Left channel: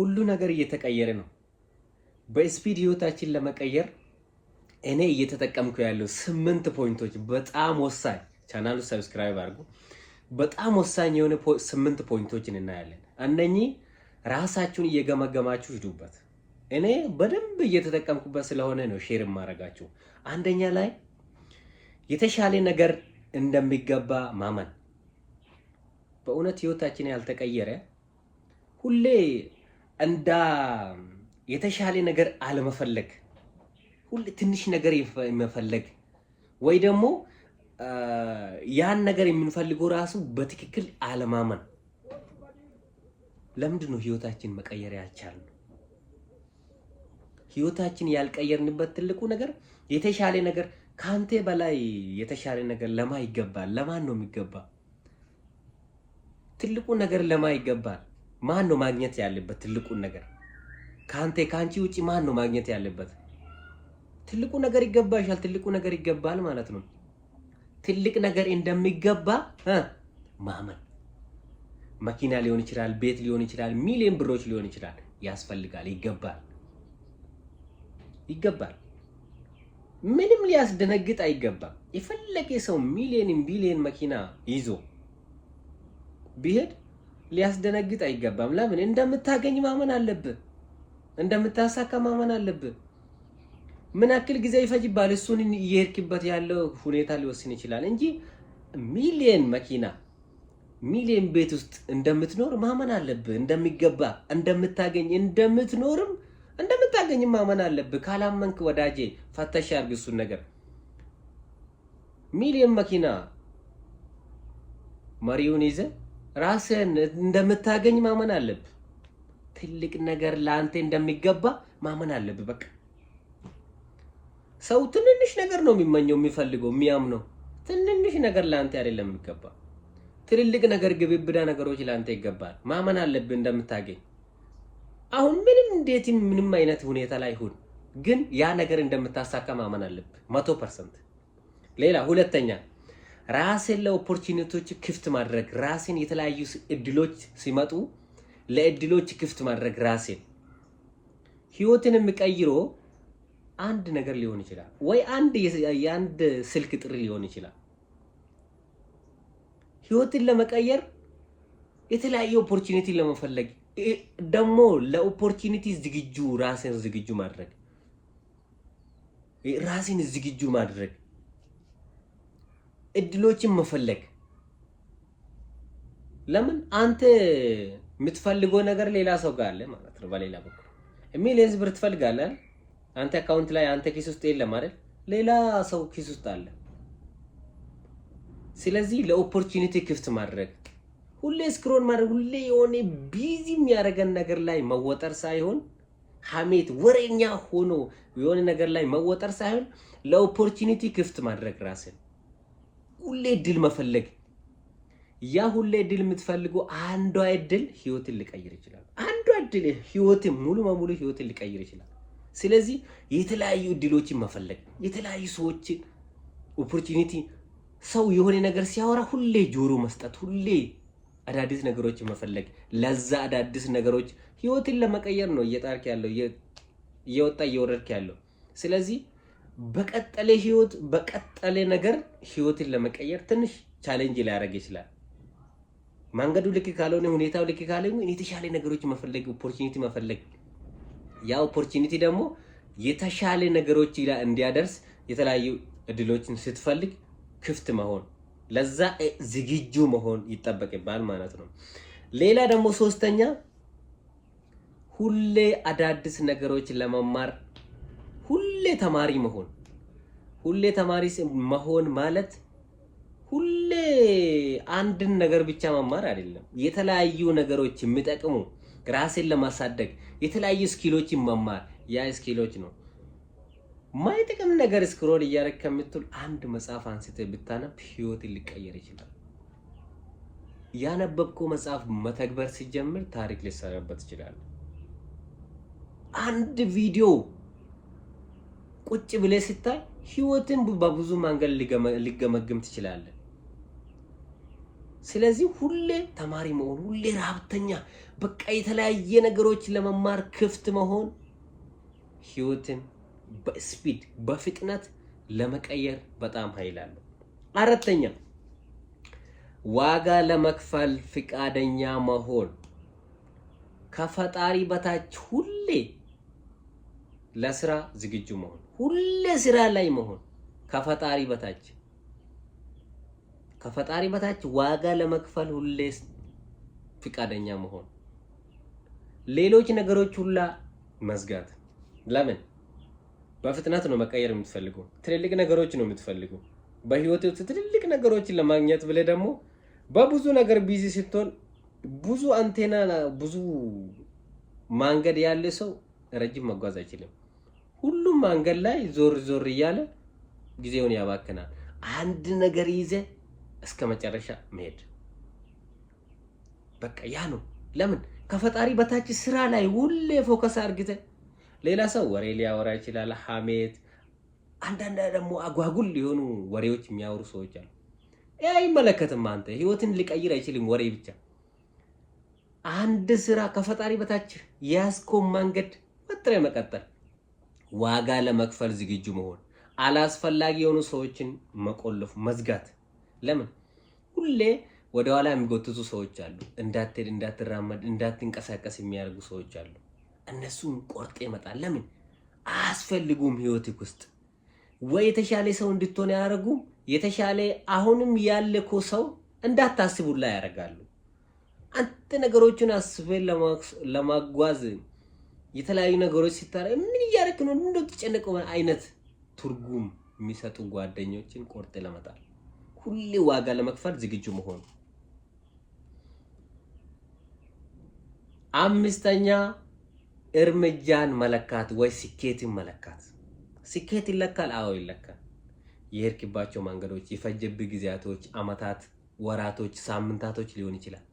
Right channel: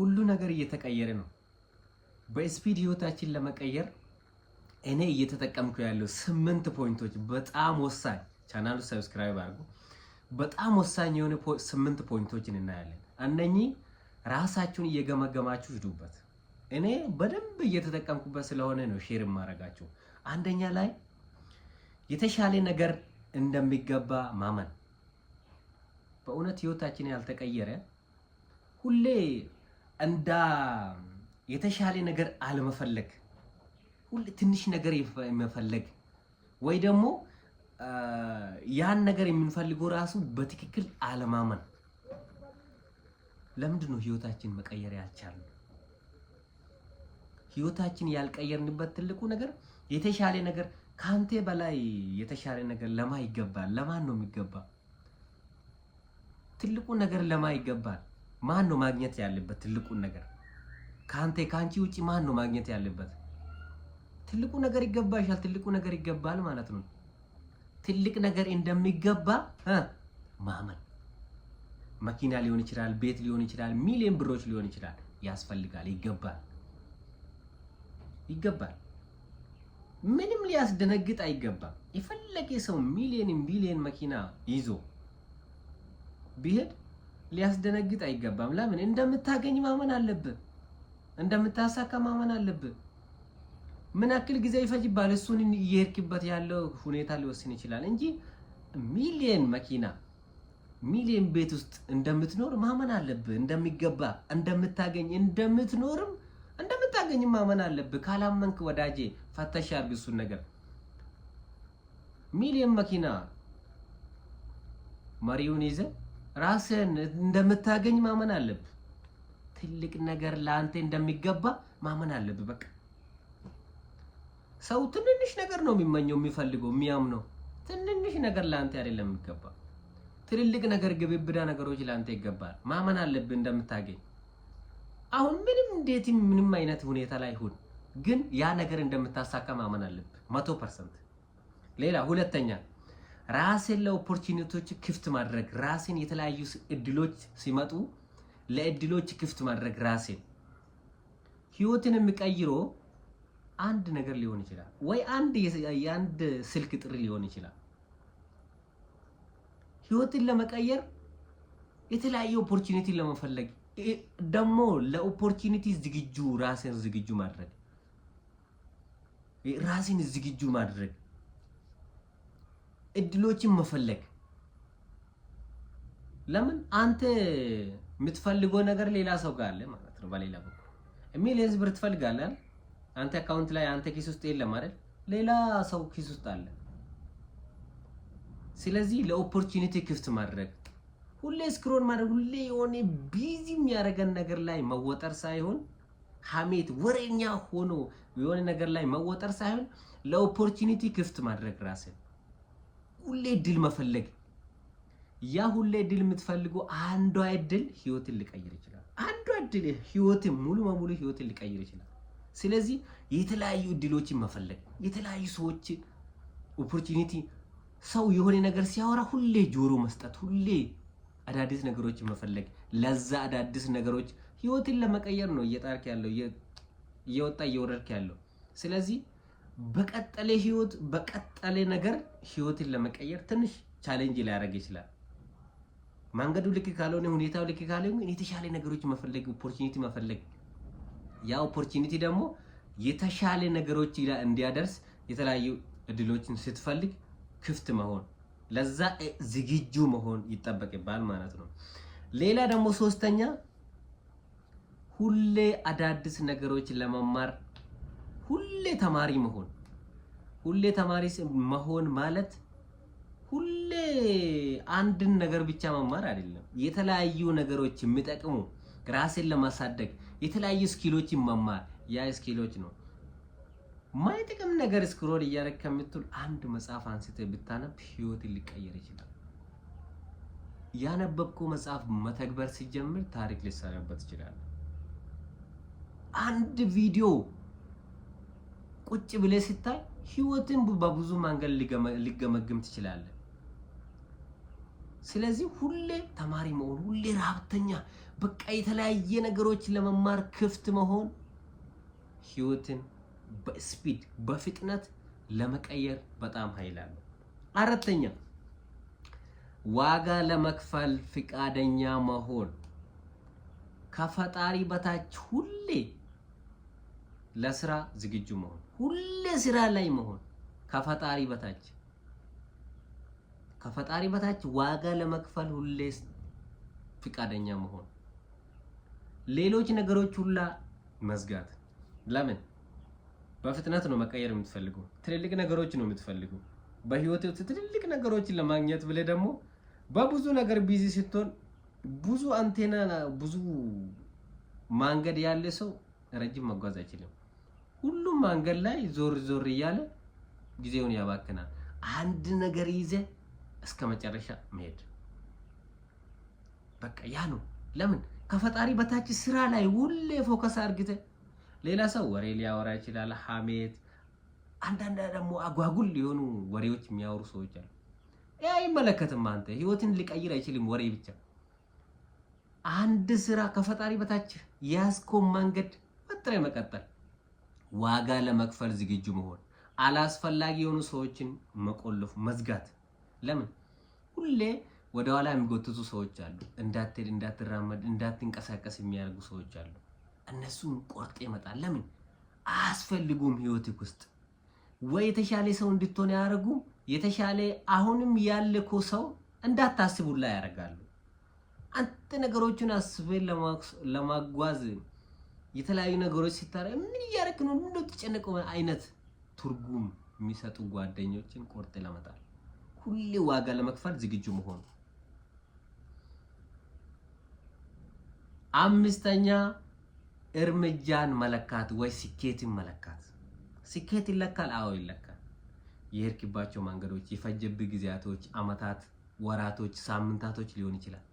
ሁሉ ነገር እየተቀየረ ነው። በስፒድ ህይወታችን ለመቀየር እኔ እየተጠቀምኩ ያለው 8 ፖይንቶች በጣም ወሳኝ፣ ቻናሉ ሰብስክራይብ አድርጉ። በጣም ወሳኝ የሆነ 8 ፖይንቶችን እናያለን። እነኚህ ራሳችሁን እየገመገማችሁ ሂዱበት። እኔ በደንብ እየተጠቀምኩበት ስለሆነ ነው ሼር ማረጋችሁ። አንደኛ ላይ የተሻለ ነገር እንደሚገባ ማመን። በእውነት ህይወታችን ያልተቀየረ ሁሌ እንዳ የተሻለ ነገር አለመፈለግ፣ ሁሌ ትንሽ ነገር መፈለግ ወይ ደግሞ ያን ነገር የምንፈልገው ራሱ በትክክል አለማመን። ለምንድን ነው ህይወታችን መቀየር ያልቻልን? ህይወታችን ያልቀየርንበት ትልቁ ነገር የተሻለ ነገር ካንተ በላይ የተሻለ ነገር ለማ ይገባል። ለማን ነው የሚገባ? ትልቁ ነገር ለማ ይገባል። ማን ነው ማግኘት ያለበት ትልቁ ነገር? ካንቺ ውጪ ማን ነው ማግኘት ያለበት? ትልቁ ነገር ይገባሻል። ትልቁ ነገር ይገባል ማለት ነው። ትልቅ ነገር እንደሚገባ ማመን። መኪና ሊሆን ይችላል፣ ቤት ሊሆን ይችላል፣ ሚሊዮን ብሮች ሊሆን ይችላል። ያስፈልጋል፣ ይገባል። ምንም ሊያስደነግጥ አይገባም። የፈለገ ሰው ሚሊዮን ቢሊዮን መኪና ይዞ ቢሄድ ሊያስደነግጥ አይገባም። ለምን? እንደምታገኝ ማመን አለብህ። እንደምታሳካ ማመን አለብህ። ምን ያክል ጊዜ ይፈጅባል? እሱን እየሄድክበት ያለው ሁኔታ ሊወስን ይችላል እንጂ ሚሊዮን መኪና ሚሊዮን ቤት ውስጥ እንደምትኖር ማመን አለብህ። እንደሚገባ እንደምታገኝ እንደምታገኝ ማመን አለብህ። ካላመንክ ወዳጄ ፈተሽ አድርግ እሱን ነገር። ሚሊዮን መኪና መሪውን ይዘህ ራስህን እንደምታገኝ ማመን አለብህ። ትልቅ ነገር ለአንተ እንደሚገባ ማመን አለብህ። በቃ ሰው ትንንሽ ነገር ነው የሚመኘው፣ የሚፈልገው፣ የሚያምነው። ትንንሽ ነገር ለአንተ አይደለም የሚገባ። ትልልቅ ነገር፣ ግብብዳ ነገሮች ለአንተ ይገባል። ማመን አለብህ እንደምታገኝ። አሁን ምንም አይነት ሁኔታ ላይ ሁን፣ ግን ያ ነገር እንደምታሳካ ማመን አለብህ 100%። ሌላ ሁለተኛ ራስን ለኦፖርቹኒቲዎች ክፍት ማድረግ። ራስን የተለያዩ እድሎች ሲመጡ ለእድሎች ክፍት ማድረግ። ራስን ህይወትን የሚቀይሮ አንድ ነገር ሊሆን ይችላል ወይ የአንድ ስልክ ጥሪ ሊሆን ይችላል። ህይወትን ለመቀየር የተለያዩ ኦፖርቹኒቲ ለመፈለግ ደግሞ ለኦፖርቹኒቲ ራስን ዝግጁ ማድረግ። ራስን ዝግጁ ማድረግ፣ እድሎችን መፈለግ። ለምን? አንተ የምትፈልገው ነገር ሌላ ሰው ጋር አለ ማለት ነው። በሌላ በኩል ሚሊየንስ ብር ትፈልጋለህ። አንተ አካውንት ላይ አንተ ኪስ ውስጥ የለም አይደል? ሌላ ሰው ኪስ ውስጥ አለ። ስለዚህ ለኦፖርቹኒቲ ክፍት ማድረግ፣ ሁሌ ስክሮል ማድረግ፣ ሁሌ የሆነ ቢዚ የሚያደርገን ነገር ላይ መወጠር ሳይሆን ሐሜት ወሬኛ ሆኖ የሆነ ነገር ላይ መወጠር ሳይሆን ለኦፖርቹኒቲ ክፍት ማድረግ ራስን። ሁሌ እድል መፈለግ። ያ ሁሌ እድል የምትፈልገው አንዷ እድል ህይወትን ሊቀይር ይችላል። አንዷ እድል ህይወትን ሙሉ በሙሉ ህይወትን ሊቀይር ይችላል። ስለዚህ የተለያዩ እድሎችን መፈለግ፣ የተለያዩ ሰዎችን ኦፖርቹኒቲ። ሰው የሆነ ነገር ሲያወራ ሁሌ ጆሮ መስጠት፣ ሁሌ አዳዲስ ነገሮችን መፈለግ። ለዛ አዳዲስ ነገሮች ህይወትን ለመቀየር ነው እየጣርክ ያለው፣ እየወጣ እየወረድክ ያለው። ስለዚህ በቀጠለ ህይወት በቀጠለ ነገር ህይወትን ለመቀየር ትንሽ ቻሌንጅ ሊያደርግ ይችላል። መንገዱ ልክ ካልሆነ፣ ሁኔታው ልክ ካልሆነ የተሻለ ነገሮች መፈለግ፣ ኦፖርቹኒቲ መፈለግ። ያ ኦፖርቹኒቲ ደግሞ የተሻለ ነገሮች እንዲያደርስ የተለያዩ እድሎችን ስትፈልግ ክፍት መሆን፣ ለዛ ዝግጁ መሆን ይጠበቅባል ማለት ነው። ሌላ ደግሞ ሶስተኛ ሁሌ አዳዲስ ነገሮች ለመማር ሁሌ ተማሪ መሆን። ሁሌ ተማሪ መሆን ማለት ሁሌ አንድን ነገር ብቻ መማር አይደለም። የተለያዩ ነገሮች የሚጠቅሙ ራስን ለማሳደግ የተለያዩ ስኪሎችን መማር። ያ ስኪሎች ነው ማይጠቅም ነገር ስክሮል እያደረክ ከምትል አንድ መጽሐፍ አንስተህ ብታነብ ህይወትን ሊቀየር ይችላል። ያነበብከው መጽሐፍ መተግበር ሲጀምር ታሪክ ሊሰራበት ይችላል። አንድ ቪዲዮ ቁጭ ብለህ ስታይ ህይወትን በብዙ መንገድ ሊገመግም ትችላለህ። ስለዚህ ሁሌ ተማሪ መሆን፣ ሁሌ ረሀብተኛ፣ በቃ የተለያየ ነገሮች ለመማር ክፍት መሆን ህይወትን በስፒድ በፍጥነት ለመቀየር በጣም ኃይል አለው። አራተኛ ዋጋ ለመክፈል ፍቃደኛ መሆን፣ ከፈጣሪ በታች ሁሌ ለስራ ዝግጁ መሆን፣ ሁሌ ስራ ላይ መሆን፣ ከፈጣሪ በታች ዋጋ ለመክፈል ሁሌ ፍቃደኛ መሆን፣ ሌሎች ነገሮች ሁላ መዝጋት። ለምን? በፍጥነት ነው መቀየር የምትፈልገው፣ ትልልቅ ነገሮች ነው የምትፈልገው። በህይወት ውስጥ ትልልቅ ነገሮችን ለማግኘት ብለህ ደግሞ በብዙ ነገር ቢዚ ስትሆን ብዙ አንቴና ብዙ መንገድ ያለ ሰው ረጅም መጓዝ አይችልም። ሁሉም መንገድ ላይ ዞር ዞር እያለ ጊዜውን ያባክናል። አንድ ነገር ይዘ እስከ መጨረሻ መሄድ በቃ ያ ነው። ለምን? ከፈጣሪ በታች ስራ ላይ ሁሌ ፎከስ አድርገህ ሌላ ሰው ወሬ ሊያወራ ይችላል፣ ሐሜት፣ አንዳንድ ደግሞ አጓጉል የሆኑ ወሬዎች የሚያወሩ ሰዎች አሉ። አይመለከትም። አንተ ህይወትን ሊቀይር አይችልም ወሬ ብቻ። አንድ ስራ ከፈጣሪ በታች ያስኮም መንገድ ወጥረ መቀጠል፣ ዋጋ ለመክፈል ዝግጁ መሆን፣ አላስፈላጊ የሆኑ ሰዎችን መቆለፍ መዝጋት። ለምን? ሁሌ ወደ ኋላ የሚጎትቱ ሰዎች አሉ። እንዳትሄድ፣ እንዳትራመድ፣ እንዳትንቀሳቀስ የሚያደርጉ ሰዎች አሉ። እነሱን ቆርጤ ይመጣል። ለምን? አያስፈልጉም ህይወትክ ውስጥ። ወይ የተሻለ ሰው እንድትሆን ያደርጉ፣ የተሻለ አሁንም ያለኮ ሰው እንዳታስቡላ ያደርጋሉ። አንተ ነገሮችን አስበህ ለማጓዝ የተለያዩ ነገሮች ሲታረቅ ምን እያደረክ ነው እንደው ተጨነቀው አይነት ትርጉም የሚሰጡ ጓደኞችን ቆርጤ ለመጣል፣ ሁሌ ዋጋ ለመክፈል ዝግጁ መሆን። አምስተኛ እርምጃን መለካት ወይ ስኬትን መለካት። ስኬት ይለካል? አዎ ይለካል። የሄድክባቸው መንገዶች፣ የፈጀብህ ጊዜያቶች፣ አመታት፣ ወራቶች፣ ሳምንታቶች ሊሆን ይችላል።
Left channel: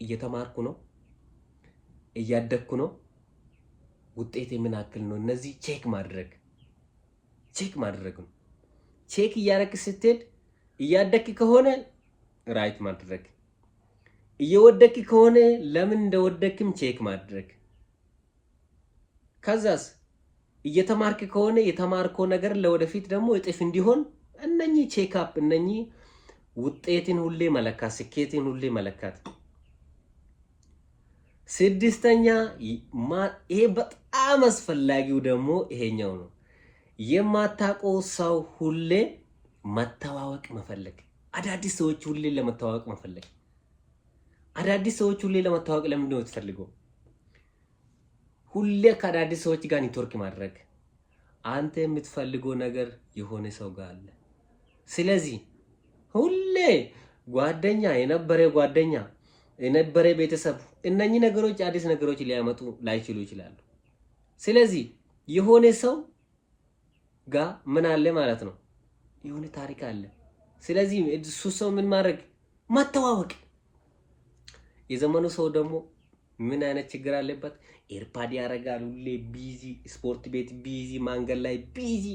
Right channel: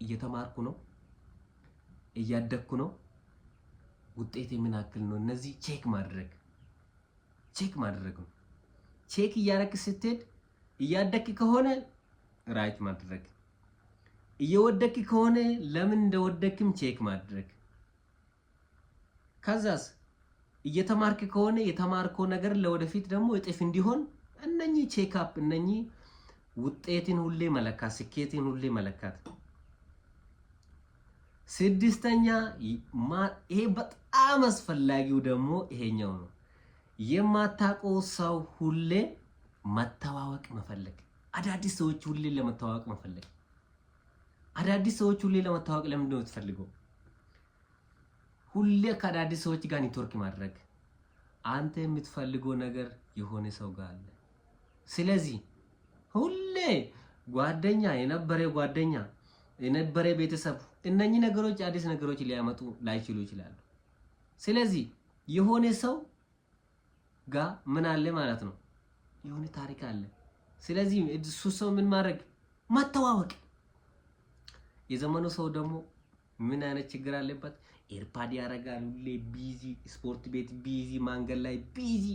እየተማርኩ ነው፣ እያደግኩ ነው፣ ውጤቴ ምን ያክል ነው? እነዚህ ቼክ ማድረግ ነው። ቼክ እያደረክ ስትሄድ እያደግክ ከሆነ ራይት ማድረግ፣ እየወደቅክ ከሆነ ለምን እንደወደቅክም ቼክ ማድረግ። ከዛስ እየተማርክ ከሆነ የተማርከው ነገር ለወደፊት ደግሞ እጥፍ እንዲሆን እነኚህ ቼክ አፕ፣ እነኚህ ውጤትን ሁሌ መለካት፣ ስኬትን ሁሌ መለካት። ስድስተኛ ይሄ በጣም አስፈላጊው ደግሞ ይሄኛው ነው። የማታውቀው ሰው ሁሌ መተዋወቅ መፈለግ። አዳዲስ ሰዎች ሁሌ ለመተዋወቅ መፈለግ። አዳዲስ ሰዎች ሁሌ ለመተዋወቅ ለምንድን ነው የምትፈልገው? ሁሌ ከአዳዲስ ሰዎች ጋር ኔትወርክ ማድረግ። አንተ የምትፈልገው ነገር የሆነ ሰው ጋር አለ። ስለዚህ ሁሌ ጓደኛ፣ የነበረ ቤተሰብ፣ እነኚህ ነገሮች አዲስ ነገሮች ሊያመጡ ላይችሉ ይችላሉ። ስለዚህ የሆነ ሰው ጋር ምን አለ ማለት ነው? የሆነ ታሪክ አለ። ስለዚህ እሱ ሰው ምን ማድረግ? መተዋወቅ። የዘመኑ ሰው ደግሞ ምን አይነት ችግር አለበት? ኤርፓድ ያደርጋል፣ ሁሌ ቢዚ፣ ስፖርት ቤት ቢዚ፣ መንገድ ላይ ቢዚ፣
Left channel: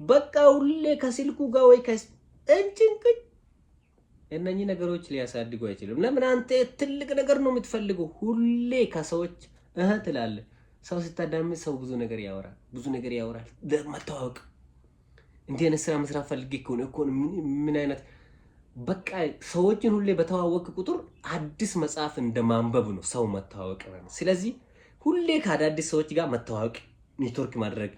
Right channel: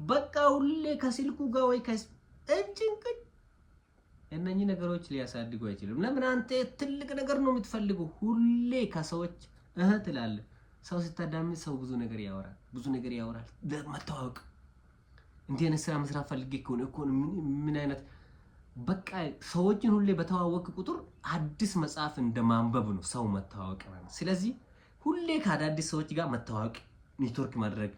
በቃ ሁሌ ከስልኩ ጋር ወይ እንጭንቅጭ። እነኚህ ነገሮች ሊያሳድጉ አይችልም። ለምን? አንተ ትልቅ ነገር ነው የምትፈልገው። ሁሌ ከሰዎች ትላለህ። ሰው ስታዳምጥ ሰው ብዙ ነገር ያወራል። መተዋወቅ። እንዲህ አይነት ስራ መስራት ፈልጌ ከሆነ ምን አይነት በቃ ሰዎችን ሁሌ በተዋወቅ ቁጥር አዲስ መጽሐፍ እንደማንበብ ነው ሰው መተዋወቅ ማለት። ስለዚህ ሁሌ ከአዳዲስ ሰዎች ጋር መተዋወቅ፣ ኔትወርክ ማድረግ።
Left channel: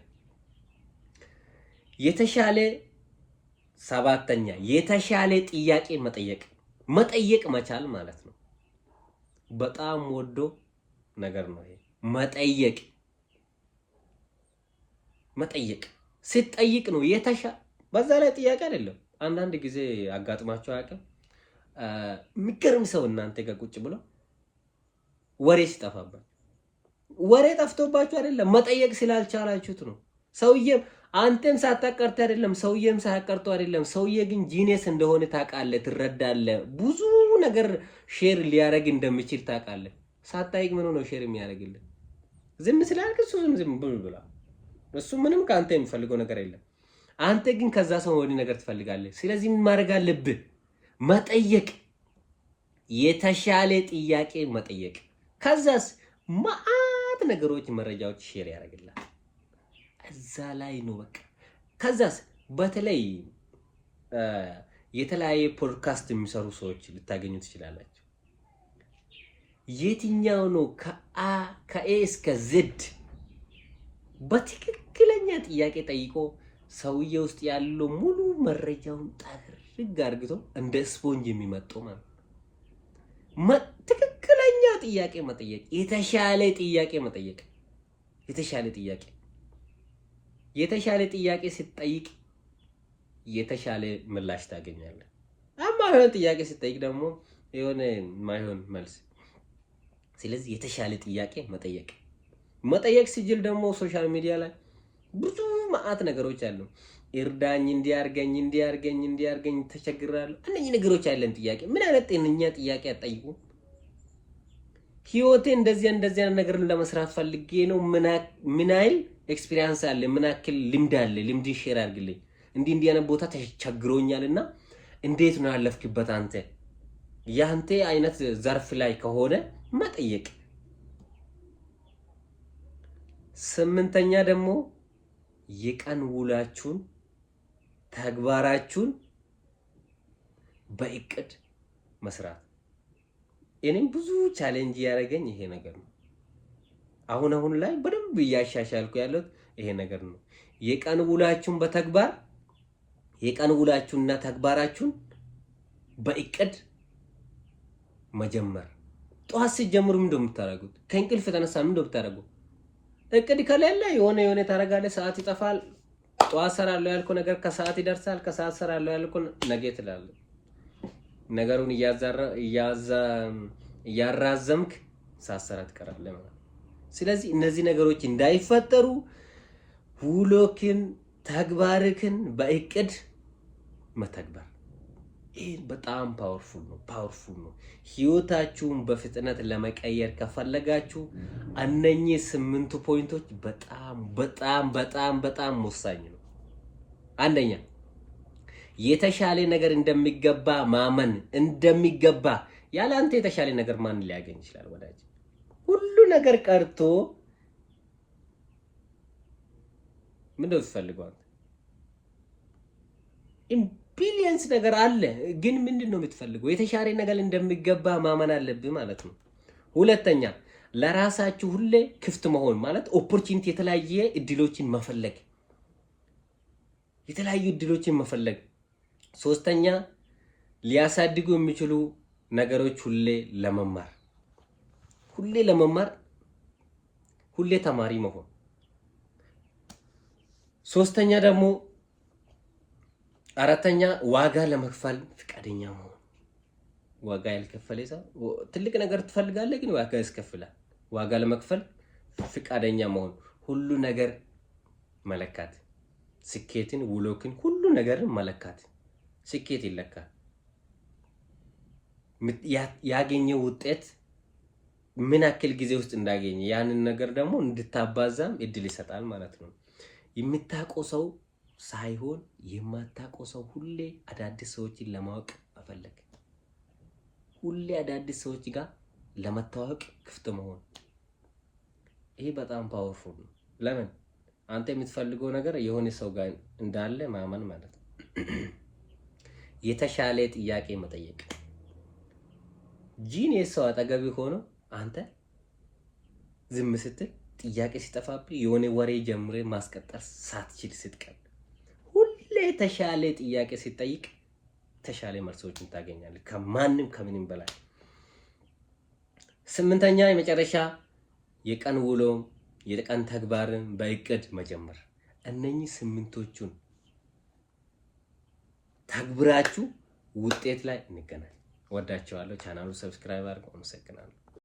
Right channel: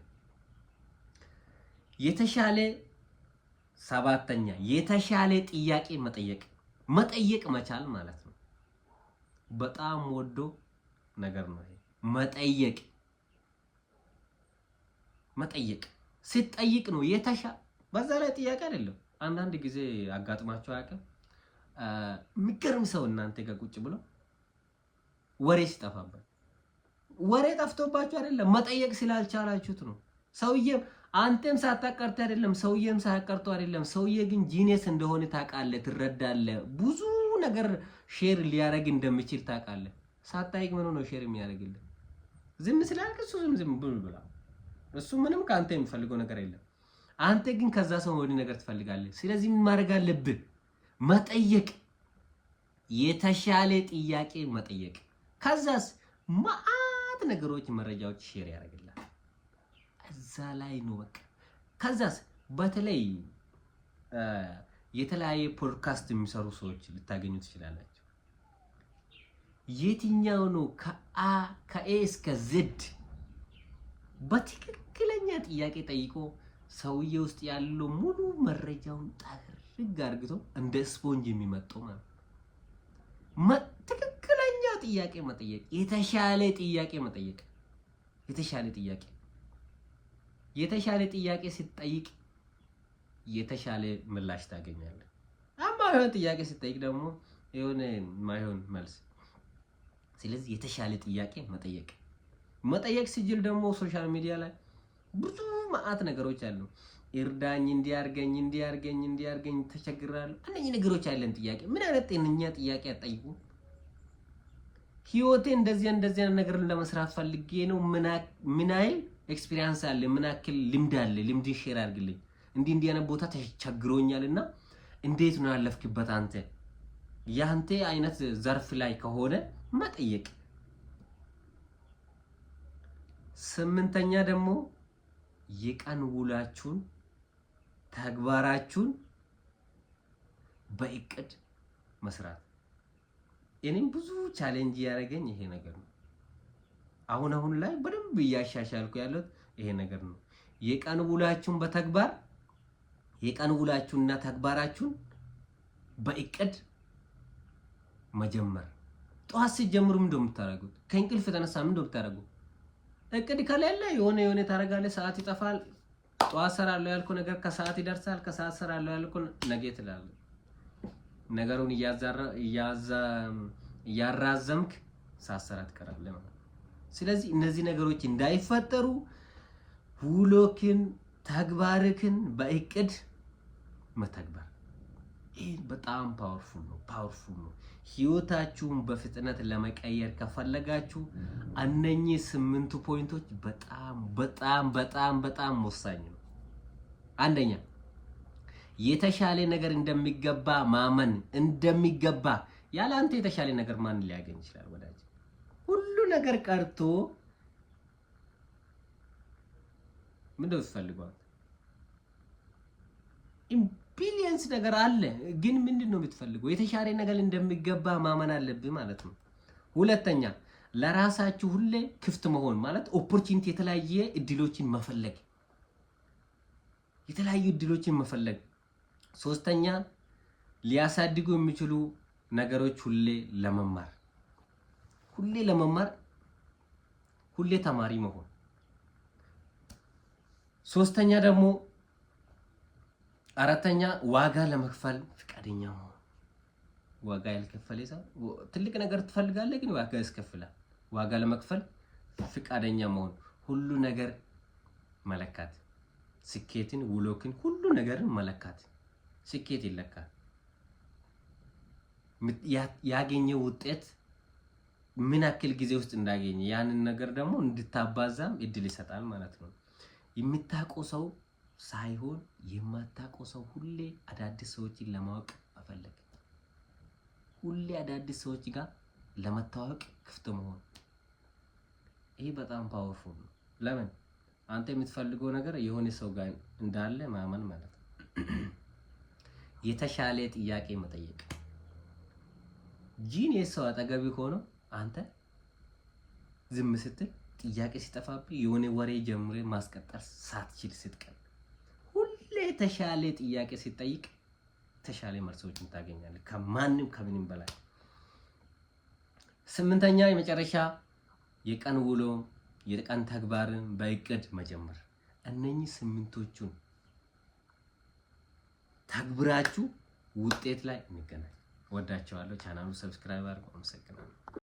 ሰባተኛ የተሻለ ጥያቄ መጠየቅ መቻል ማለት ነው። በጣም ወዶ ነገር ነው ይሄ መጠየቅ። ስትጠይቅ ነው በዛ ላይ ጥያቄ አይደለም። አንዳንድ ጊዜ አጋጥማቸው አያውቅም? የሚገርም ሰው እናንተ ጋር ቁጭ ብሎ ወሬ ሲጠፋበት፣ ወሬ ጠፍቶባችሁ አይደለም፣ መጠየቅ ስላልቻላችሁት ነው። ሰውዬም አንተም ሳታቀርት አይደለም፣ ሰውዬም ሳያቀርቶ አይደለም። ሰውዬ ግን ጂኒየስ እንደሆነ ታውቃለህ፣ ትረዳለህ። ብዙ ነገር ሼር ሊያደርግ እንደሚችል ታውቃለህ። ሳታይቅ ምን ነው ሼር የሚያደርግልህ? ዝም ስላልክ እሱ ዝም ብላ፣ እሱ ምንም ከአንተ የሚፈልገው ነገር የለም። አንተ ግን ከዛ ሰው ወዲህ ነገር ትፈልጋለህ። ስለዚህ ምን ማድረግ አለብህ? መጠየቅ። የተሻለ ጥያቄ መጠየቅ። ከዛስ ማአት ነገሮች መረጃዎች ሼር ያደርግላል። እዛ ላይ ነው በቃ። ከዛስ በተለይ የተለያየ ፖድካስት የሚሰሩ ሰዎች ልታገኙ ትችላላችሁ። የትኛው ነው ከኤ እስከ ዜድ በትክክለኛ ጥያቄ ጠይቆ ሰውዬ ውስጥ ያለው ሙሉ መረጃውን ጠርግ አርግቶ እንደ ስፖንጅ የሚመጣው ማለት ትክክለኛ ጥያቄ መጠየቅ፣ የተሻለ ጥያቄ መጠየቅ። የተሻለ ጥያቄ ስትጠይቅ የተሻለ ምላሽ ታገኛለህ። የሆነ ጥያቄ ስትጠይቅ ደግሞ የሆነ ማይሆን መልስ። ስለዚህ የተሻለ ጥያቄ መጠየቅ ሲጅል ደግሞ ሶሻል ሚዲያ ላይ ብዙ ማአት ነገሮች አሉ። እርዳኝ፣ እንዲያርገኝ ተቸግራለሁ። እነኚህ ነገሮች ያለን ጥያቄ ምን አይነት ጤነኛ ጥያቄ አጠይቁ። ህይወቴ እንደዚህ ነገር ለመስራት ፈልጌ ነው። ምን አይል ኤክስፒሪየንስ አለ፣ ምን ያክል ልምድ አለ፣ ልምድ ሼር አድርግልኝ። እንዲህ አይነት ቦታ ተቸግሮኛልና እንዴት ነው ያለፍክበት አንተ? ያንተ አይነት ዘርፍ ላይ ከሆነ መጠየቅ። 8ኛ ደግሞ የቀን ውላችሁን ተግባራችሁን በእቅድ መስራት። እኔም ብዙ ቻሌንጅ ያደረገኝ ይሄ ነገር ነው። አሁን ላይ በደንብ እያሻሻልኩ ያለሁት ይሄ ነገር ነው። የቀን ውላችሁንና ተግባራችሁን በእቅድ መጀመር። ጠዋት ሲጀምሩ ምን እንደምታደርጉት ከእንቅልፍ የተነሳ ምን እንደምታደርጉት እቅድ ከሌለ የሆነ ታደርጋለህ፣ ሰዓት ይጠፋል። ጠዋት ሰራለሁ ያልኩህ ነገር ከሰዓት ይደርሳል፣ ከሰዓት ሰራለሁ ያልኩህ ነገ ትላለህ። ነገሩን እያራዘምክ ሳትሰራ ትቀራለህ ማለት ነው። ስለዚህ እነዚህ ነገሮች እንዳይፈጠሩ ውሎክን ተግባርክን በእቅድ መተግበር ይሄ በጣም ፓወርፉል ነው። ህይወታችሁን በፍጥነት ለመቀየር ከፈለጋችሁ እነኚህ 8 ፖይንቶች በጣም ወሳኝ ነው። አንደኛ የተሻለ ነገር እንደሚገባ ማመን እንደሚገባ። ያለ አንተ የተሻለ ነገር ማን ሊያገኝ ይችላል ወዳጅ? ሁሉ ነገር ቀርቶ ምንድነው የምትፈልገው? ቢሊየንስ ነገር አለ፣ ግን ምንድነው የምትፈልገው? የተሻለ ነገር እንደሚገባ ማመን አለብህ ማለት ነው። ሁለተኛ ለራሳችሁ ሁሌ ክፍት መሆን ማለት ኦፖርቹኒቲ፣ የተለያዩ እድሎችን መፈለግ። ሶስተኛ ሊያሳድጉ የሚችሉ ነገሮች ሁሌ ተማሪ መሆን። ሶስተኛ ደግሞ አራተኛ ዋጋ ለመክፈል ፍቃደኛ መሆን። ዋጋ ያልከፈለ ሰው ትልቅ ነገር ትፈልጋለህ፣ ግን ዋጋ ያስከፍላል። ዋጋ ለመክፈል ፍቃደኛ መሆን። ሁሉ ነገር መለካት፣ ስኬትን፣ ውሎክን፣ ሁሉ ነገርን መለካት። ስኬት ይለካል። ያገኘው ውጤት ምን ያክል ጊዜ ውስጥ እንዳገኘ ያንን ነገር ደግሞ እንድታባዛም እድል ይሰጣል ማለት ነው። የምታውቀው ሰው ሳይሆን የማታውቀው ሰው ሁሌ አዳዲስ ሰዎችን ለማወቅ መፈለግ፣ ሁሌ አዳዲስ ሰዎች ጋር ለመታወቅ ክፍት መሆን። ይሄ በጣም ፓወርፉል ነው። ለምን? አንተ የምትፈልገው ነገር የሆነ ሰው ጋር እንዳለ ማመን ማለት ነው። የተሻለ ጥያቄ መጠየቅ። ጂኒየስ ሰው አጠገብ ሆኖ አንተ ዝም ስትል ጥያቄ ሲጠፋብህ የሆነ ወሬ ጀምሬ ማስቀጠል ሳትችል ስትቀር፣ ሁሌ የተሻለ ጥያቄ ሲጠይቅ ተሻለ መልሶችን ታገኛለህ፣ ከማንም ከምንም በላይ። 8ኛ የመጨረሻ የቀን ውሎ የቀን ተግባርን በእቅድ መጀመር። እነኚህ 8ቶቹን ተግብራችሁ ውጤት ላይ እንገናኝ። ወዳቸዋለሁ። ቻናሉ ሰብስክራይብ አድርጉ። አመሰግናለሁ።